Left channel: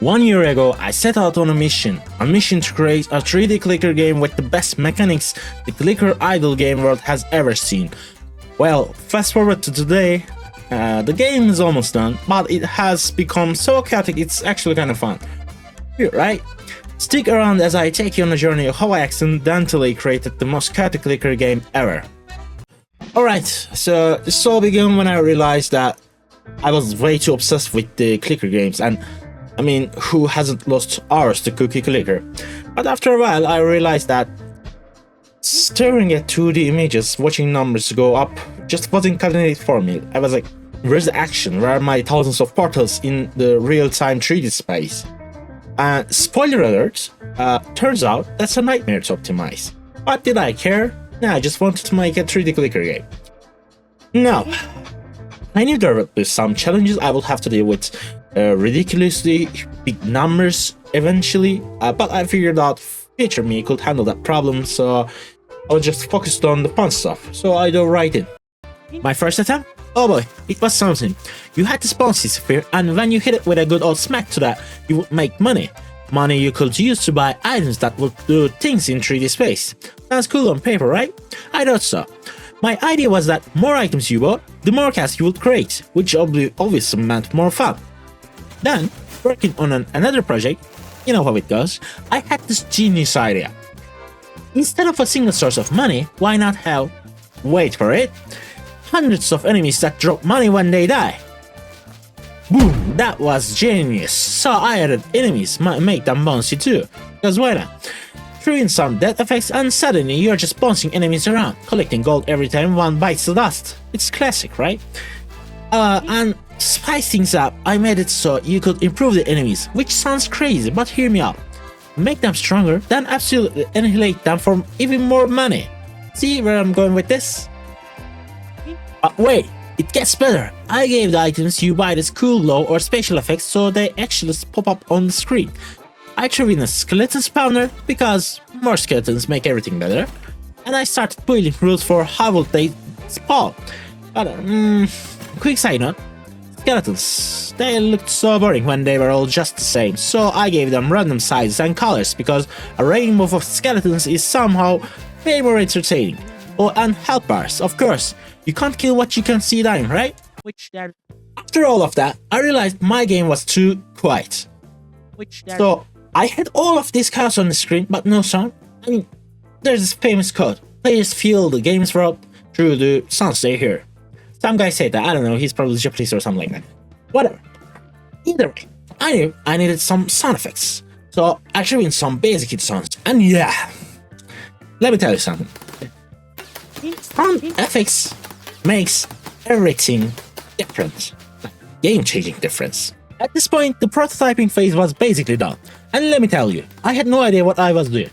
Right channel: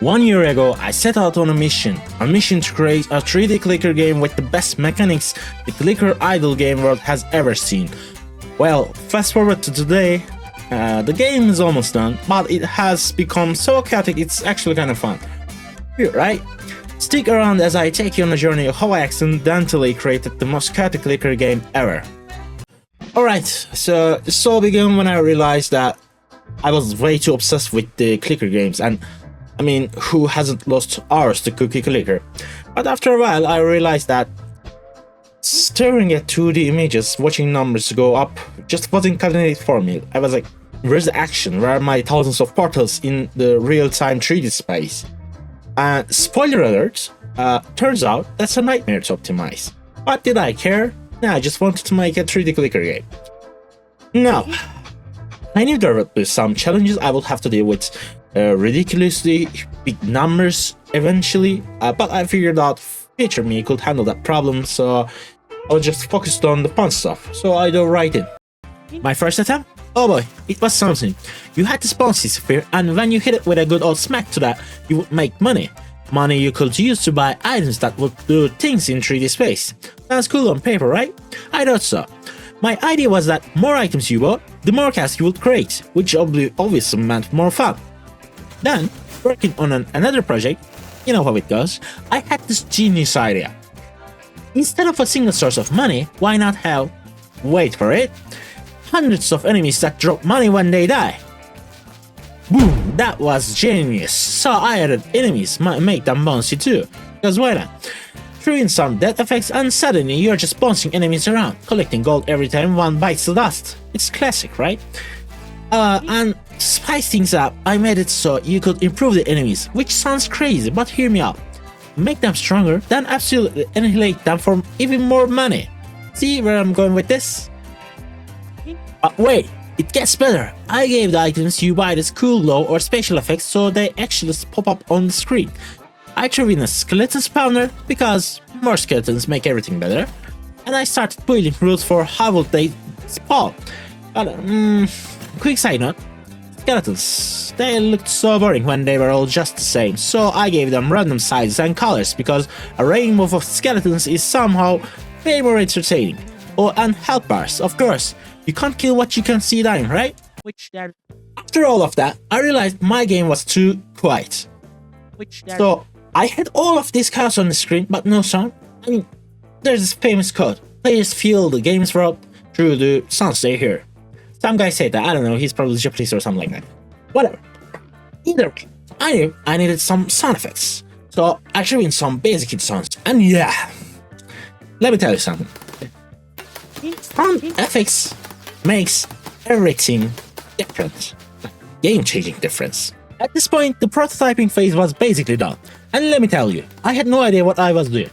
1 year ago, I set out on a mission to create a 3D clicker game with the best mechanics the clicker idle game world has ever seen. Well, fast forward to today, the game is almost done, but it has become so chaotic it's actually kind of fun. Weird, right? Stick around as I take you on a journey of how I accidentally created the most chaotic clicker game ever. Alright, so this all began when I realized that I was way too obsessed with the clicker games, and I mean, who hasn't lost hours to Cookie Clicker? But after a while, I realized that staring at 2D images, watching numbers go up, just wasn't cutting it for me. I was like, where's the action? Where are my thousands of portals in the real-time 3D space? Spoiler alert, turns out that's a nightmare to optimize. But did I care? Yeah, I just wanted to make a 3D clicker game. Now, I knew there would be some challenges I would have to deal with, ridiculously big numbers eventually, but I figured out future me could handle that problem, so I was just focused on the fun stuff, so I dove right in. My first attempt? Oh boy, it was something. You had to spawn this sphere, and when you hit it with a good old smack to that, you would make money. Money you could use to buy items that would do things in 3D space. Sounds cool on paper, right? I thought so. My idea was that more items you bought, the more cash you would create, which obviously meant more fun. Then, working on another project, you know how it goes, I had this genius idea. Instead of a single source of money, why not have, wait for it, hundreds of enemies that drop money when they die? Boom, that was genius. So I added enemies, make them bouncy too, because why not? Threw in some death effects and suddenly you're just bouncing enemies around, collecting gold every time one bites the dust. It's classic, right? And to spice things up, I made it so you could improve the enemies, which sounds crazy, but hear me out. Make them stronger, then absolutely annihilate them for even more money. See where I'm going with this? Wait, it gets better. I gave the items you buy this cool glow or special effects so they actually pop up on the screen. I threw in a skeleton spawner because more skeletons make everything better, and I started building rules for how would they spawn. But, quick side note, skeletons, they looked so boring when they were all just the same, so I gave them random sizes and colors because a raining move of skeletons is somehow way more entertaining. Oh, and health bars, of course. You can't kill what you can see dying, right? After all of that, I realized my game was too quiet. So I had all of this chaos on the screen, but no sound. I mean, there's this famous quote: players feel the game's world through the sounds they hear. Some guy said that, I don't know, he's probably Japanese or something like that. Whatever. Either way, I knew I needed some sound effects. So I threw in some basic sounds. And yeah, let me tell you something. Sound effects makes everything different. Game-changing difference. At this point, the prototyping phase was basically done. And let me tell you, I had no idea what I was doing.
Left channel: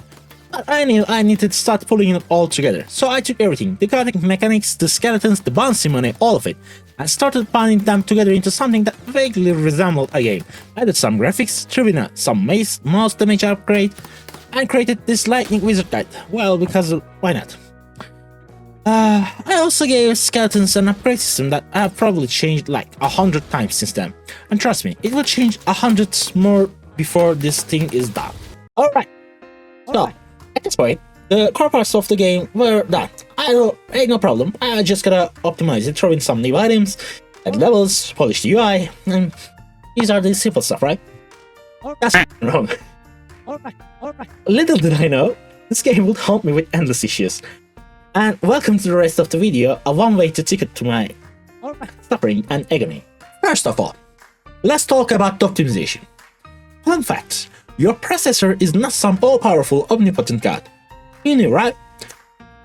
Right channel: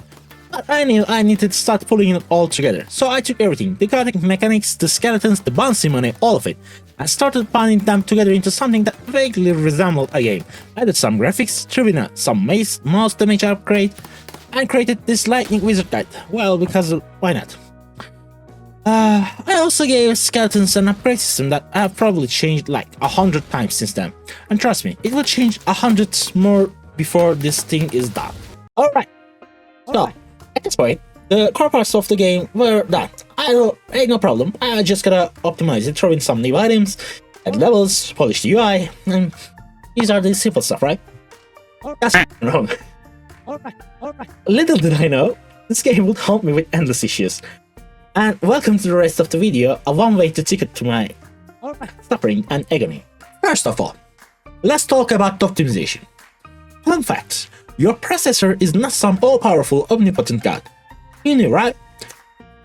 But I knew I needed to start pulling it all together. So I took everything, the chaotic mechanics, the skeletons, the bouncy money, all of it, and started putting them together into something that vaguely resembled a game. I added some graphics, threw in some mouse damage upgrade, and created this lightning wizard guide. Well, because why not? I also gave skeletons an upgrade system that I've probably changed like 100 times since then. And trust me, it will change 100 more before this thing is done. Alright, so at this point, the core parts of the game were done. Ain't no problem, I just gotta optimize it, throw in some new items, add levels, polish the UI, and these are the simple stuff, right? That's wrong. Alright. Little did I know, this game would haunt me with endless issues. And welcome to the rest of the video, a one-way ticket to my suffering and agony. First of all, let's talk about the optimization. Fun fact, your processor is not some all-powerful omnipotent god. You knew, right?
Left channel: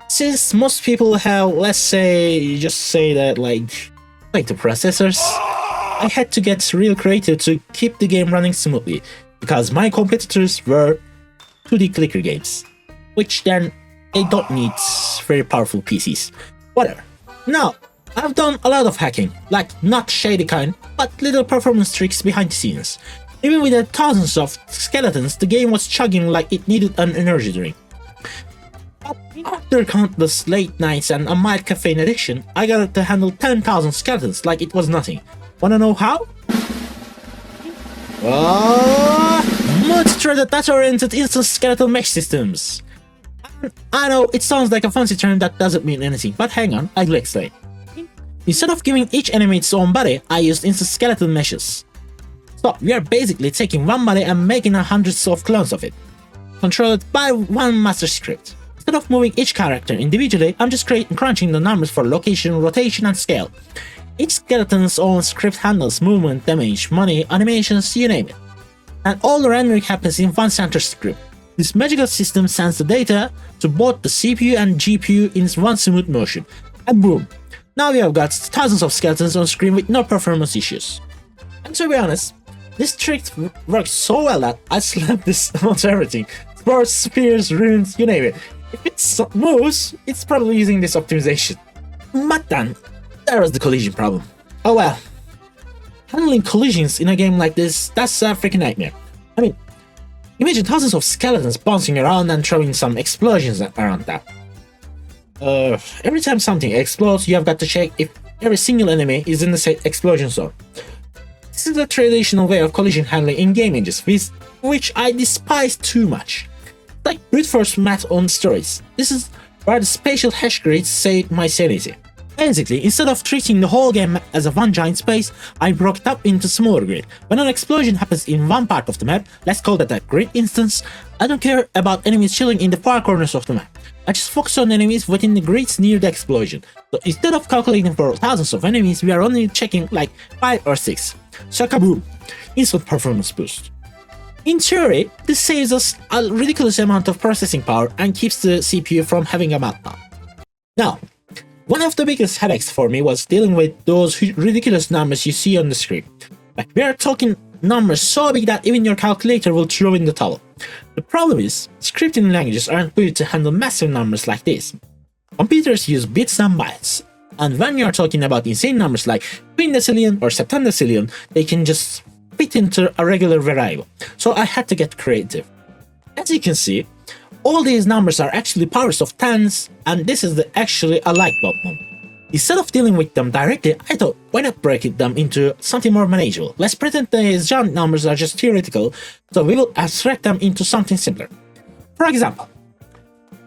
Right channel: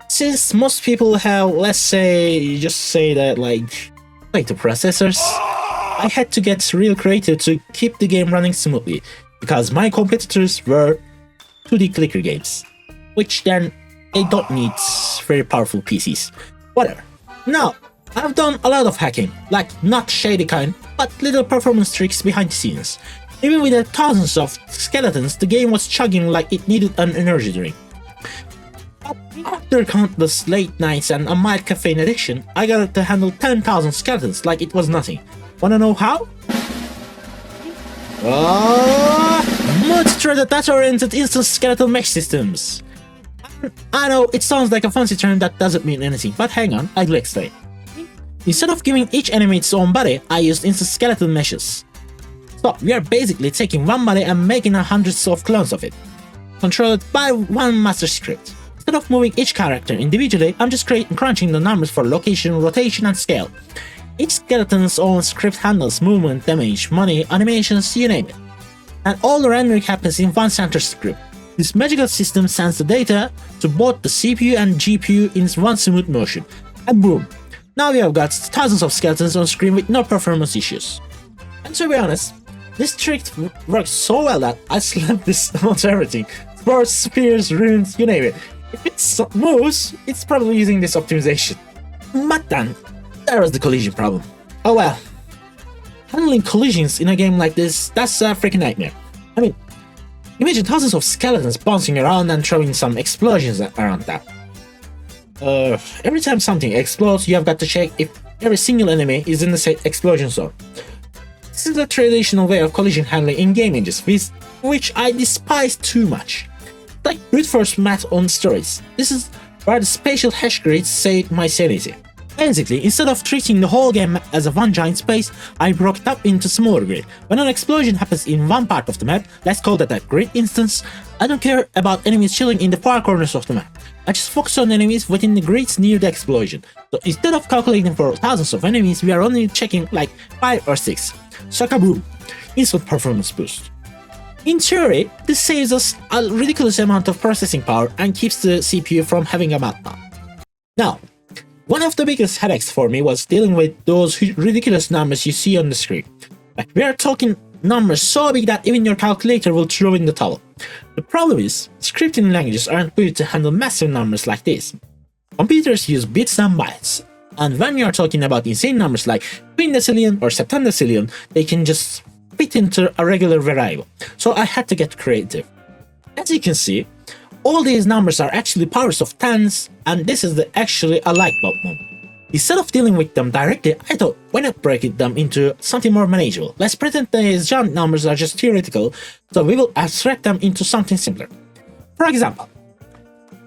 Since most people have, let's say, just say that like the processors, I had to get real creative to keep the game running smoothly, because my competitors were 2D clicker games, which then they don't need very powerful PCs. Whatever. Now, I've done a lot of hacking, like not shady kind, but little performance tricks behind the scenes. Even with the thousands of skeletons, the game was chugging like it needed an energy drink. But after countless late nights and a mild caffeine addiction, I got it to handle 10,000 skeletons like it was nothing. Wanna know how? Oh Enter the data-oriented instant skeletal mesh systems. I know it sounds like a fancy term that doesn't mean anything, but hang on, I'll explain. Instead of giving each enemy its own body, I used instant skeletal meshes. So we are basically taking one body and making hundreds of clones of it, controlled by one master script. Instead of moving each character individually, I'm just crunching the numbers for location, rotation, and scale. Each skeleton's own script handles movement, damage, money, animations, you name it. And all the rendering happens in one center script. This magical system sends the data to both the CPU and GPU in one smooth motion. And boom! Now we have got thousands of skeletons on screen with no performance issues. And to be honest, this trick worked so well that I slapped this almost everything. Swords, spears, runes, you name it. If it moves, it's probably using this optimization. But then, there was the collision problem. Oh well. Handling collisions in a game like this, that's a freaking nightmare. I mean, imagine thousands of skeletons bouncing around and throwing some explosions around that. Every time something explodes, you have got to check if every single enemy is in the explosion zone. This is a traditional way of collision handling in game engines, which I despise too much. Like brute force math on steroids. This is where the spatial hash grids save my sanity. Basically, instead of treating the whole game as a one giant space, I broke it up into smaller grid. When an explosion happens in one part of the map, let's call that a grid instance, I don't care about enemies chilling in the far corners of the map. I just focus on enemies within the grids near the explosion. So instead of calculating for thousands of enemies, we are only checking like 5 or 6. So kaboom! Instant performance boost. In theory, this saves us a ridiculous amount of processing power and keeps the CPU from having a meltdown. Now, one of the biggest headaches for me was dealing with those ridiculous numbers you see on the screen. We are talking numbers so big that even your calculator will throw in the towel. The problem is, scripting languages aren't built to handle massive numbers like this. Computers use bits and bytes, and when we are talking about insane numbers like quindecillion or septendecillion, they can just fit into a regular variable. So I had to get creative. As you can see, all these numbers are actually powers of tens, and this is actually a light bulb moment. Instead of dealing with them directly, I thought, why not break them into something more manageable? Let's pretend these giant numbers are just theoretical, so we will abstract them into something simpler. For example,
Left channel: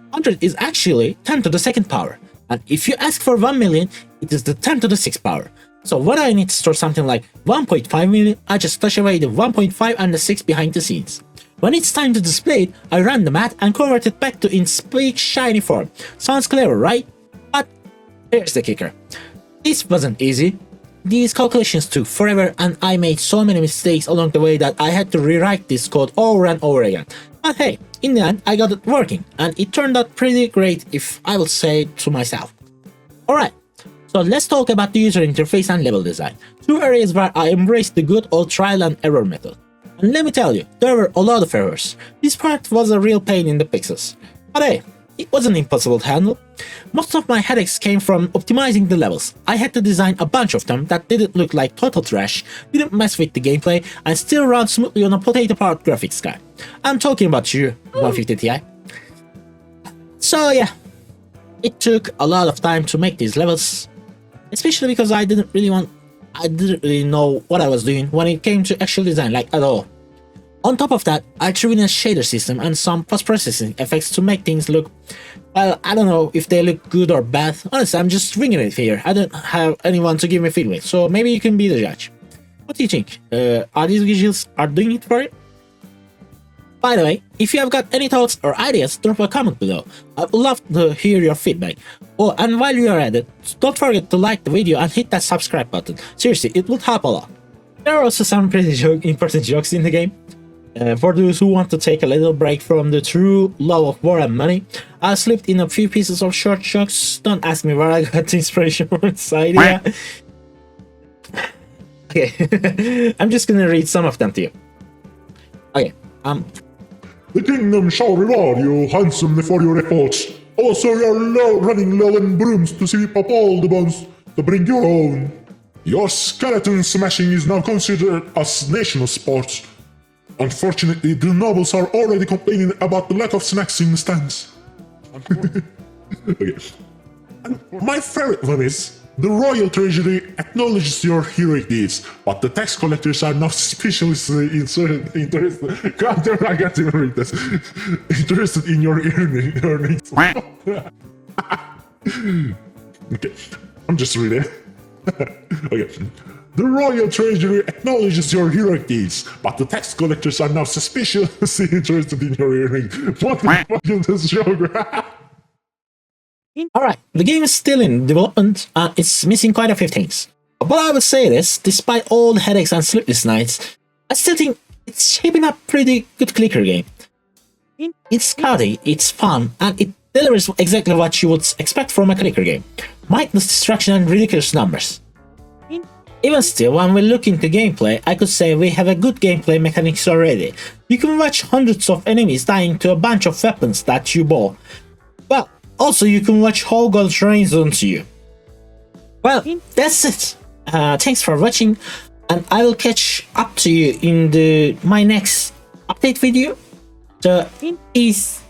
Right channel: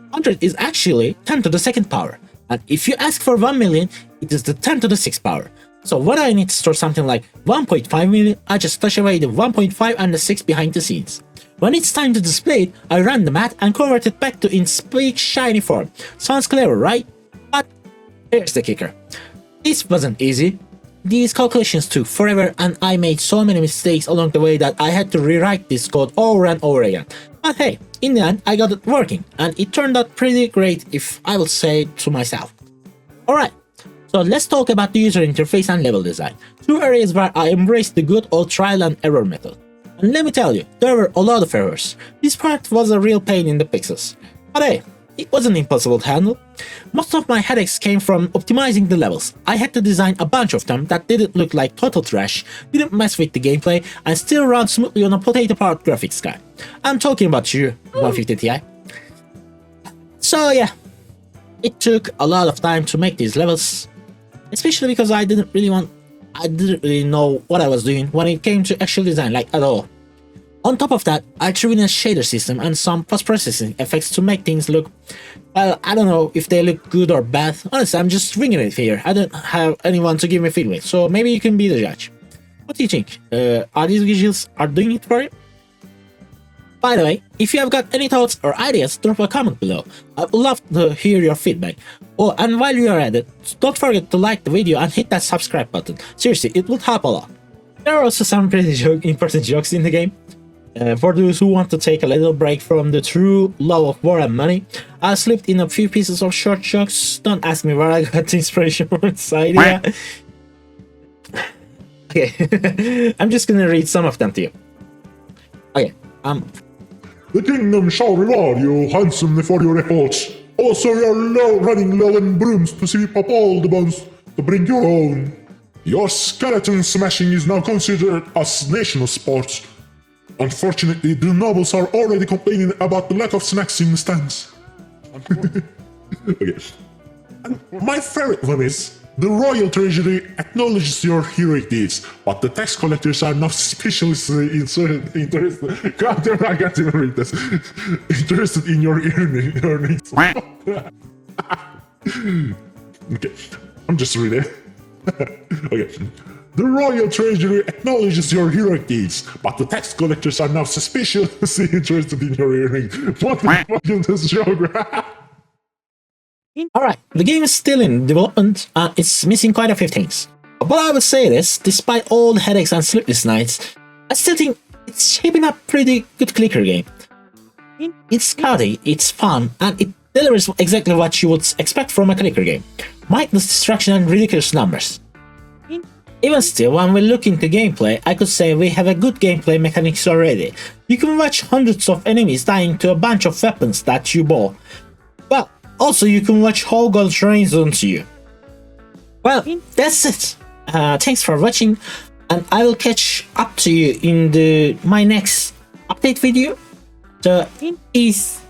100 is actually 10 to the second power, and if you ask for 1 million, it is the 10 to the 6th power. So when I need to store something like 1.5 million, I just stash away the 1.5 and the 6 behind the scenes. When it's time to display it, I run the math and convert it back to its sleek, shiny form. Sounds clever, right? But here's the kicker. This wasn't easy. These calculations took forever and I made so many mistakes along the way that I had to rewrite this code over and over again. But hey, in the end, I got it working, and it turned out pretty great if I will say to myself. Alright, so let's talk about the user interface and level design. Two areas where I embraced the good old trial and error method. And let me tell you, there were a lot of errors. This part was a real pain in the pixels. But hey, it wasn't impossible to handle. Most of my headaches came from optimizing the levels. I had to design a bunch of them that didn't look like total trash, didn't mess with the gameplay, and still ran smoothly on a potato-powered graphics card. I'm talking about you, 150 Ti. So yeah, it took a lot of time to make these levels, especially because I didn't really know what I was doing when it came to actual design, like at all. On top of that, I threw in a shader system and some post-processing effects to make things look, well, I don't know if they look good or bad. Honestly, I'm just winging it here. I don't have anyone to give me feedback, so maybe you can be the judge. What do you think? Are these visuals doing it for you? By the way, if you have got any thoughts or ideas, drop a comment below. I would love to hear your feedback. Oh, and while you are at it, don't forget to like the video and hit that subscribe button. Seriously, it would help a lot. There are also some pretty important jokes in the game. For those who want to take a little break from the true love of war and money, I slipped in a few pieces of short jokes. Don't ask me where I got the inspiration from this idea. Okay, I'm just gonna read some of them to you. Okay, The kingdom shall reward you handsomely for your efforts. Also, you're running low on brooms to sweep up all the bombs to bring you home. Your skeleton smashing is now considered as national sport. Unfortunately, the nobles are already complaining about the lack of snacks in the stands. Okay. And my favorite one is, The Royal Treasury acknowledges your hero deeds, but the tax collectors are not specially interested in your earnings. Okay, I'm just reading. Okay. The Royal Treasury acknowledges your heroic deeds, but the tax collectors are now suspiciously interested in your earnings. What the fuck is this show? Alright, the game is still in development and it's missing quite a few things. But I would say this, despite all the headaches and sleepless nights, I still think it's shaping up pretty good clicker game. It's scotty, it's fun, and it delivers exactly what you would expect from a clicker game. Mindless distraction and ridiculous numbers. Even still, when we look into gameplay, I could say we have a good gameplay mechanics already. You can watch hundreds of enemies dying to a bunch of weapons that you bought. Well, also you can watch whole guns rains onto you. Well, that's it. Thanks for watching, and I will catch up to you in my next update video. So, peace.